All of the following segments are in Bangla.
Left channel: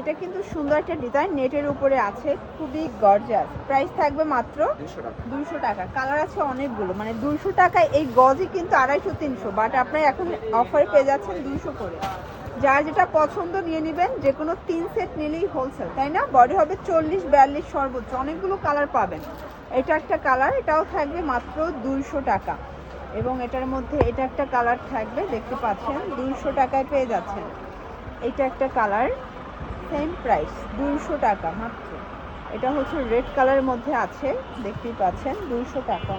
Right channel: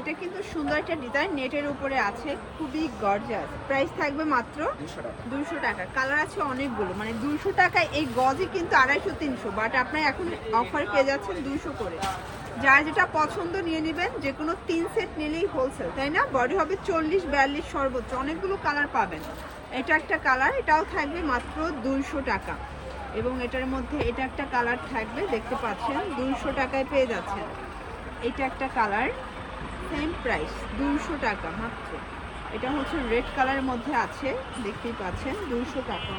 এটা কিন্তু সুন্দর একটা ডিজাইন, নেটের উপরে আছে, খুবই গর্জিয়াস। প্রাইস থাকবে মাত্র 200 টাকা। কালার আছে অনেকগুলো, মানে 200 টাকায় এই গজই কিন্তু 250 300, বাট আপনারা এখন অফারে পেয়ে যাচ্ছেন 200 করে। যার যেটা পছন্দ নিয়ে নেবেন, যে কোনো 3 সেট নিলেই হোলসেল, তাই না? বডি হবে 40 42 সর্বোচ্চ, অনেকগুলো কালার পাবেন। এটা একটা কালার, এটাও থাকবে মাত্র 200 টাকা। এবং এটার মধ্যে এটা একটা কালার থাকবে, দেখতে পাচ্ছেন 200 টাকায় পেয়ে যাচ্ছেন। এটা একটা কালার, সেম প্রাইস 200 টাকা মাত্র। এটা হচ্ছে রেড কালারের মধ্যে আছে, দেখতেই পাচ্ছেন 200 টাকা।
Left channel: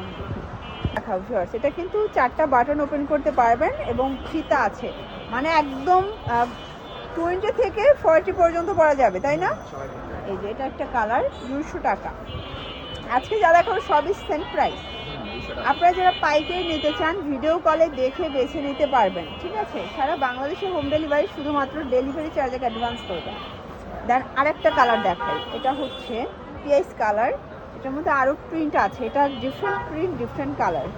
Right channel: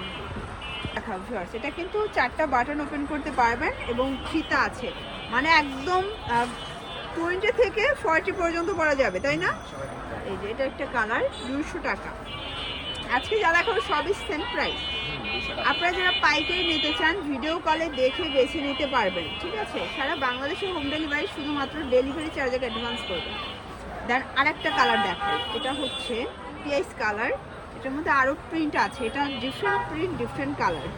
দেখাও ভিউয়ার্স, এটা কিন্তু 4টা বাটন ওপেন করতে পারবেন এবং ফিতা আছে, মানে একদম 20 থেকে 40 পর্যন্ত পরা যাবে, তাই না? এই যে এটা একটা কালার, 200 টাকা। আজকে যারা এখন সবই সেম প্রাইস। আপনারা যারা পাইকারি নিতে চান, ভিডিও কলে দেখে বেছে নিতে পারবেন, ঠিক আছে? সারা বাংলাদেশে হোম ডেলিভারি, শুধুমাত্র ডেলিভারি চার্জের অ্যাডভান্স করবেন। দেন আরেকটা কালার দেখাই, এটা হচ্ছে পিএস কালার। এটার মধ্যে আরও প্রিন্ট আছে, এটা ডিফারেন্ট প্রিন্ট, ডিফারেন্ট কালার।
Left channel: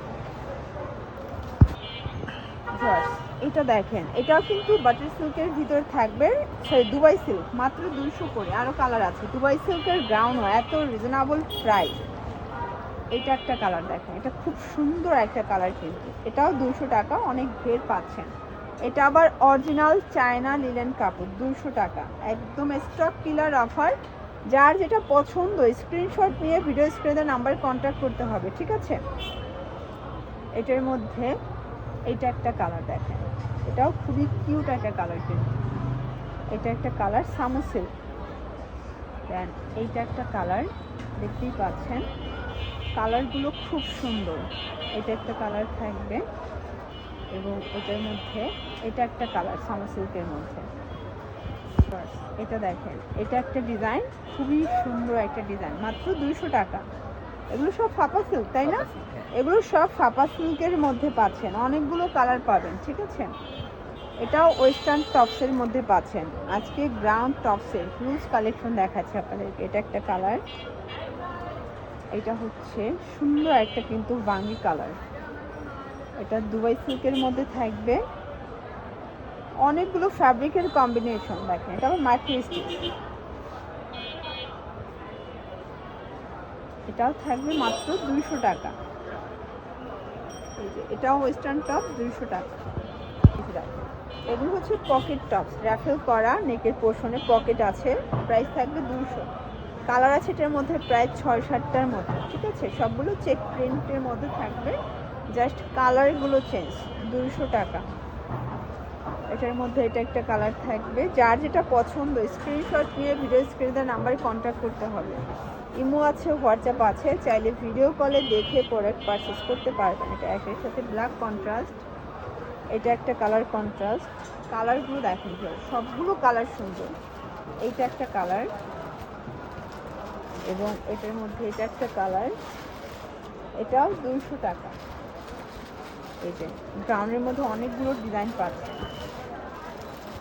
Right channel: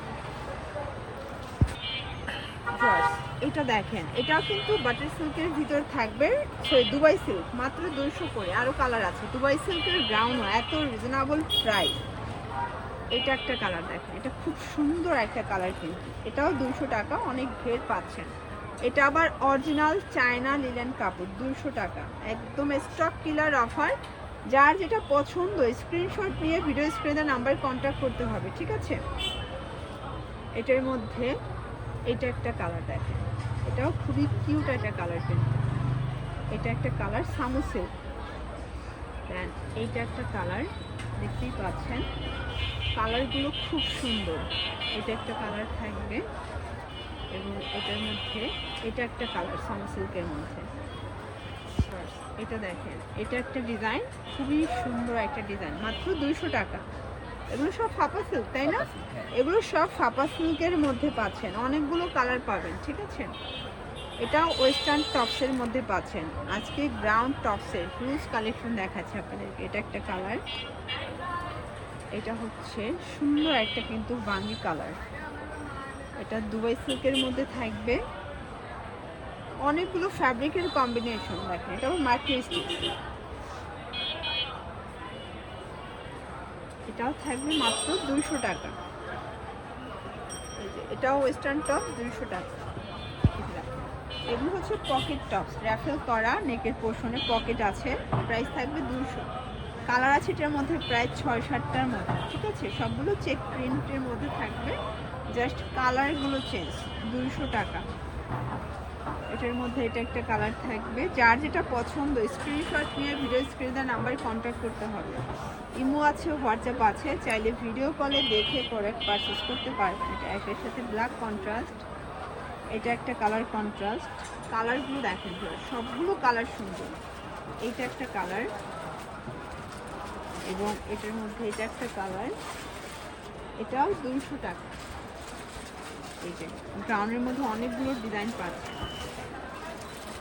এটা দেখেন, এটাও কিন্তু বাটার সিল্কের ভিতরে থাকবে, সরি দুবাই সিল্ক, মাত্র 200 করে। আরও কালার আছে, দুবাই সিল্কের গ্রাউন্ড, এত রিজনেবল প্রাইস। এটা একটা কালার দেখেন, এটা খুব সুন্দর একটা কালার, কিন্তু এটাও 200 টাকা, অনেক গ্রেড পাচ্ছেন। এটা আবার অরিজিনাল চায়না লিলেন কাপড়, 200 টাকা, একদম স্টক কিলার অফার। যার যেটা পছন্দ স্ক্রিনশট নিয়ে ভিডিও স্ক্রিনে নাম্বার কন্ট্যাক্ট করতে হবে, ঠিক আছে? এটার মধ্যে এটা একটা কালার দেখেন, এটাও খুবই কিউট একটা কালার, কিন্তু এটা একটা কালার সামুসের। দেন এইটা একটা কালার, দেখতেই পাচ্ছেন কালারগুলো খুব সুন্দর। এটা একটা কালার থাকবে এবং এটার মধ্যে এটা একটা কালার সামসিল্কের মধ্যে। এটা দেখেন, এটা একটা ডিজাইন, খুবই সুন্দর একটা ডিজাইন, মাত্র 200 টাকা। এগুলো সব ফাপা সিল্ক, তাই না? এগুলো সব ফাপা সিল্কের মধ্যে পাচ্ছেন, অনেকগুলো কালার পাবেন, ঠিক আছে? এটাও ওয়েস্টার্ন টপসের মধ্যে পাচ্ছেন। আজকে গ্রাউন্ড টপসের হিউজ কালেকশন দেখাচ্ছে আপনাদেরকে। এটা একটা কালার, এটা হচ্ছে সুন্দর একটা কিন্তু বাঙ্গি কালার। এটা দুবাই সিল্কের মধ্যে থাকবে, অনেকগুলো ফ্যাব্রিকের কম্বিনেশন দেখেন। এটা আবার মাল্টি স্টিচ, এটাও থাকবে মাত্র 200 টাকা। এটাও ওয়েস্টার্ন টপ, 200 টাকা। এগুলো হচ্ছে পকেট টপস, র্যাফেল করা, নেকের পোর্শনে পকেট আছে, প্রাইস থাকবে 200। কালার আছে এটার মধ্যে প্রায় 6-7টার মতো, ঠিক আছে? সবগুলো চেক প্রিন্টের মধ্যে থাকবে, জাস্ট কালারগুলো চেঞ্জ, 200 টাকা। এটার মধ্যে এটা একটা কালার থাকবে, যার যেটা পছন্দ স্ক্রিনশট নিয়ে ভিডিও স্ক্রিনে নাম্বারে কন্ট্যাক্ট করতে হবে। ইমো আছে, হোয়াটসঅ্যাপ আছে, চাইলে ভিডিও কলে দেখে প্রোডাক্ট পারচেস করতে পারবেন। এটা একের সাথে ব্ল্যাক কন্ট্রাস্ট, এটা একটা কালার কন্ট্রাস্ট। কালারগুলো দেখেন, সবগুলো কালার সুন্দর। এইটা একটা কালার এবং এটার মধ্যে এটা একটা কালার, এটাও 200 টাকা। এই যে ব্রাউনের মধ্যে অনেকগুলো ডিজাইন পাচ্ছে,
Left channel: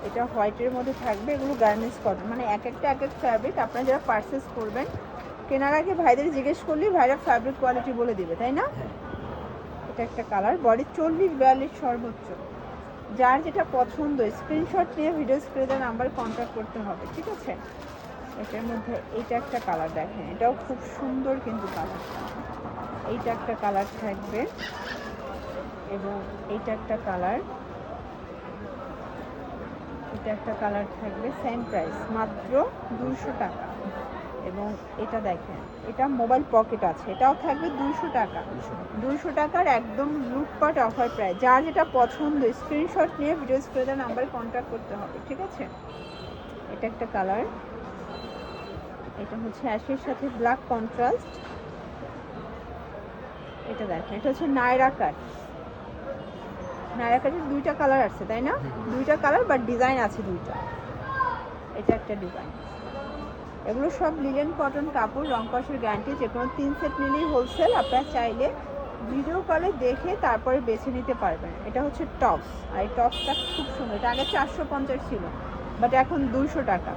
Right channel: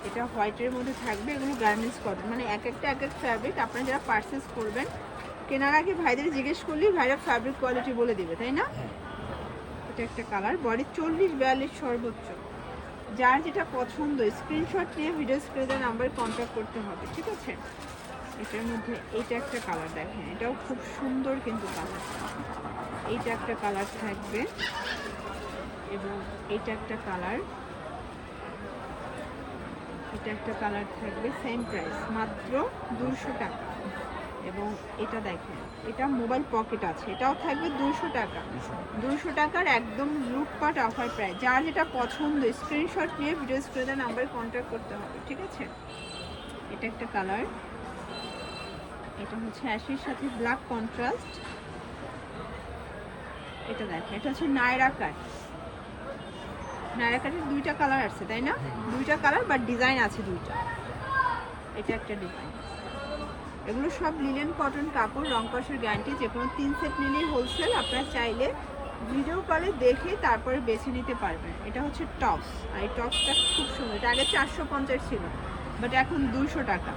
এটা হোয়াইটের মধ্যে থাকবে। এগুলো গার্মেন্টস কটন, মানে এক একটা ফ্যাব্রিক। আপনারা যারা পারচেস করবেন, কেনার আগে ভাইদের জিজ্ঞেস করলেই ভাইরা ফ্যাব্রিক কোয়ালিটি বলে দিবে, তাই না? এটা একটা কালার, বডি 40-42 সর্বোচ্চ। যার যেটা পছন্দ স্ক্রিনশট নিয়ে ভিডিও স্ক্রিনে নাম্বার কন্ট্যাক্ট করতে হবে, ঠিক আছে? এটার মধ্যে এইটা একটা কালার দেখেন, এটাও খুব সুন্দর কিন্তু কালার। এইটা একটা কালার থাকবে এবং এইটা একটা কালার, এটা একটা কালার থাকবে, সেম প্রাইস মাত্র 200 টাকা। এবং এটা দেখেন, এটা মোবাইল পকেট আছে, এটাও থাকবে 200 টাকা। 200 টাকার একদম লুটপাট অফার প্রাইস। যার যেটা পছন্দ স্ক্রিনশট নিয়ে ভিডিও স্ক্রিনে নাম্বার কন্ট্যাক্ট করতে হবে, ঠিক আছে? এটা একটা কালার, এটা হচ্ছে অ্যাশের সাথে ব্ল্যাক কন্ট্রাস্ট। এটা দেখেন, এটা হচ্ছে নায়রা কাট। নায়রা কাটের 2টা কালার আছে, তাই না? 2টা কালার, বাট ডিজাইন আছে 2টা। এটা একটা ডিজাইন। এগুলো সব লিলেন কটন কাপড়, রং কষের গ্যারান্টি। যে কোনো 3 সেট নিলেই হোলসেল। আপনারা চাইলে ভিডিও কলে দেখে তারপরে বেছে নিতে পারবেন। এটা হচ্ছে টপস, আর এই টপসটা খুব সুন্দর। এটা আগে 450 ছিল, বাট এখন 200 টাকা।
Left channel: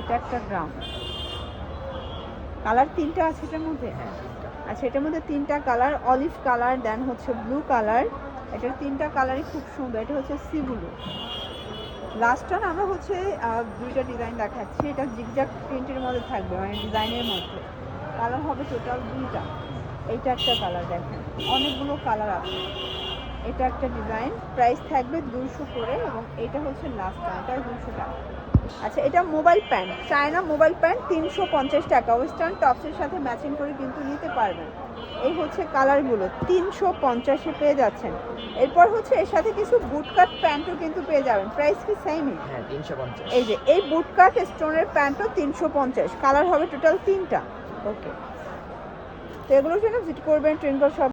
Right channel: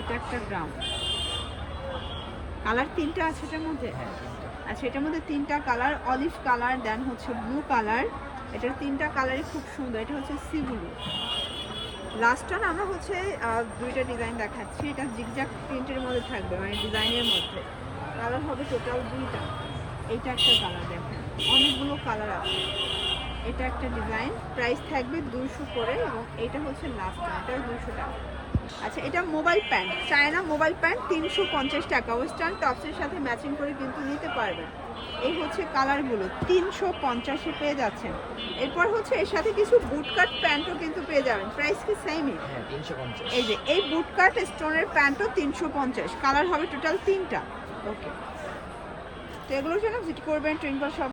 এটা একটা গ্রাউন্ড কালার, 3টা আছে এটার মধ্যে। আচ্ছা, এটার মধ্যে 3টা কালার, অলিভ কালার, দেন হচ্ছে ব্লু কালার। এটার 3টা কালারই খুব সুন্দর। এটা হচ্ছে সি ব্লু, লাস্ট টাইম আমরা হচ্ছে দুইটা ডিজাইন দেখাচ্ছি। এটা জিগজ্যাগ প্রিন্টের মধ্যে থাকবে, মানে ডিজাইনের মধ্যে। কালার হবে টোটাল দুইটা। এইটা একটা কালার দেখেন, অনেকগুলো কালার আছে। এটা একটা ডিজাইন, প্রাইস থাকবে 200 করে, এবং এটা হচ্ছে লাস্ট টাইম, এটাও 200 টাকা। আচ্ছা, এটা mobile pant, China mobile pant 350 টাকা। ওয়েস্টার্ন টপসের সাথে ম্যাচিং করে কিন্তু নিতে পারবেন। এই হচ্ছে কালারগুলো 350-এ পেয়ে যাচ্ছেন। এরপর হচ্ছে এর সাথে কিছু বুটকাট প্যান্টও কিন্তু পেয়ে যাবেন, প্রাইস কি সেমই? হ্যাঁ 350। এই যে এই বুটকাট স্টোনের প্যান্টও 350, কালার হবে টোটাল 3টা। ওকে, তো এগুলোর জন্য ভিজিট করবেন টুইঙ্কল শপ।